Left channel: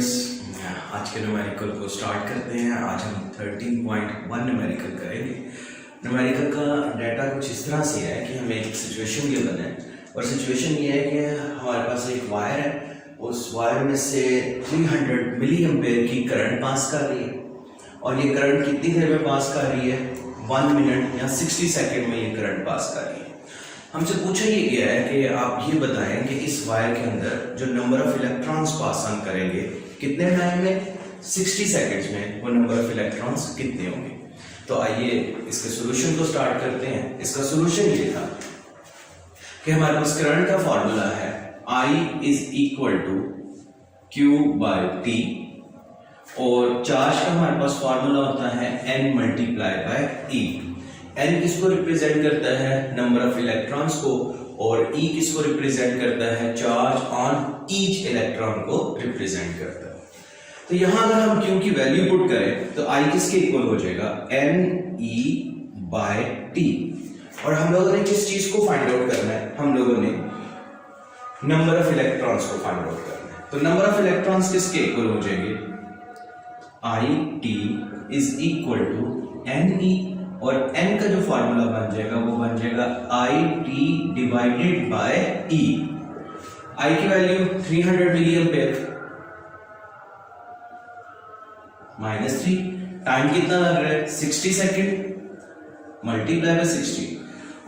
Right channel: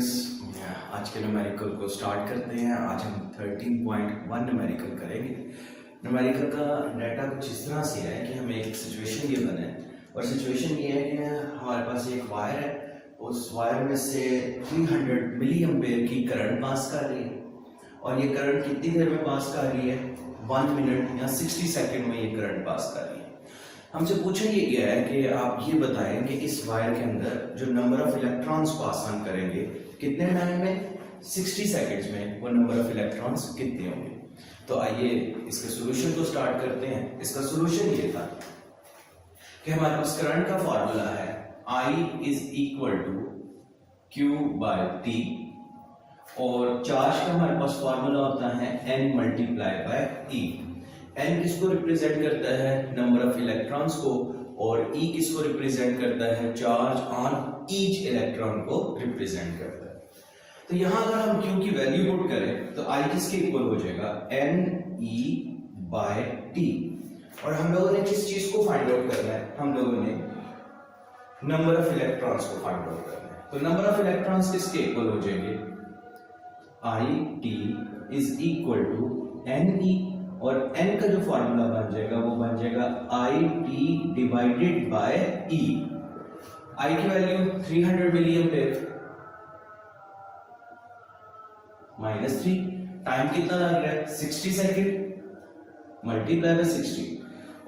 Students, आज के numerical को स्टार्ट करते हैं। आज हम 13.1 न्यूमेरिकल करेंगे। न्यूमेरिकल का डाटा कुछ इस तरह से है कि हमें एक सिचुएशन गिवन है और सिचुएशन ये है कि हमारे पास एक वायर है, उस वायर में से 300 मिली एम्पेयर की करंट पास कर रही है और ये करंट कितनी देर में पास कर रही है? 1 मिनट या 60 सेकेंड में ये करंट पास कर रही है। हमसे पूछा ये गया है कि आप ये बताएं कि इस वायर के अंदर जो number of electrons pass on करेंगे कितने टाइम में? 60 सेकेंड्स में वो नंबर ऑफ इलेक्ट्रॉन्स कितने होंगे। तो आइए इसके सॉल्यूशन को स्टार्ट करते हैं। इसका सॉल्यूशन ये था कि हमारे पास करंट का फॉर्मूला है I is equal to Q by T और चार्ज का हमारे पास फॉर्मूला होता है N multiply by E। N किसको रिप्रेजेंट करता है? नंबर ऑफ इलेक्ट्रॉन्स को, और E किसको रिप्रेजेंट करता है? चार्ज ऑन ईच इलेक्ट्रॉन को रिप्रेजेंट करता है। तो यहां अगर हम Q की वैल्यू पुट करें तो I किसके इक्वल हो जाएगा? NE by T। और हम लोगों ने किस चीज को फाइंड आउट करना है? हम लोगों ने नंबर ऑफ इलेक्ट्रॉन्स को फाइंड आउट करना है। तो नंबर ऑफ इलेक्ट्रॉन्स किसके इक्वल हो जाएंगे? IT is equal to NE और N का जो फॉर्मूला बन जाएगा वो बन जाएगा IT divided by E। I की वैल्यू 300 मिली एम्पेयर माइनस 3, टाइम कितना लग रहा है? 60 सेकेंड मल्टीप्लाई बाय 60,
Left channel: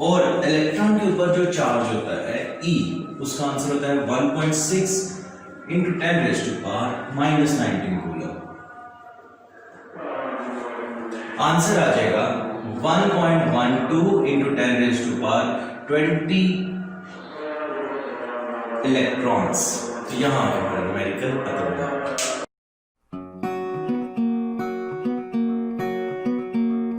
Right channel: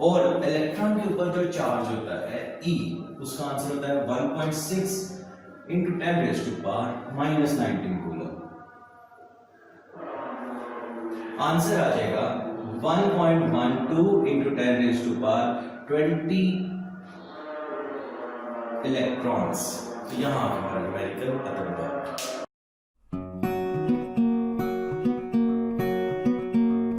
और इलेक्ट्रॉन के ऊपर जो चार्ज होता है E, उसका आंसर होता है 1.6 into 10 raise to power minus 19 coulomb. Answer आ जाएगा 1.12 into 10 raise to power 20 electrons. तो यहां पर न्यूमेरिकल खत्म हुआ।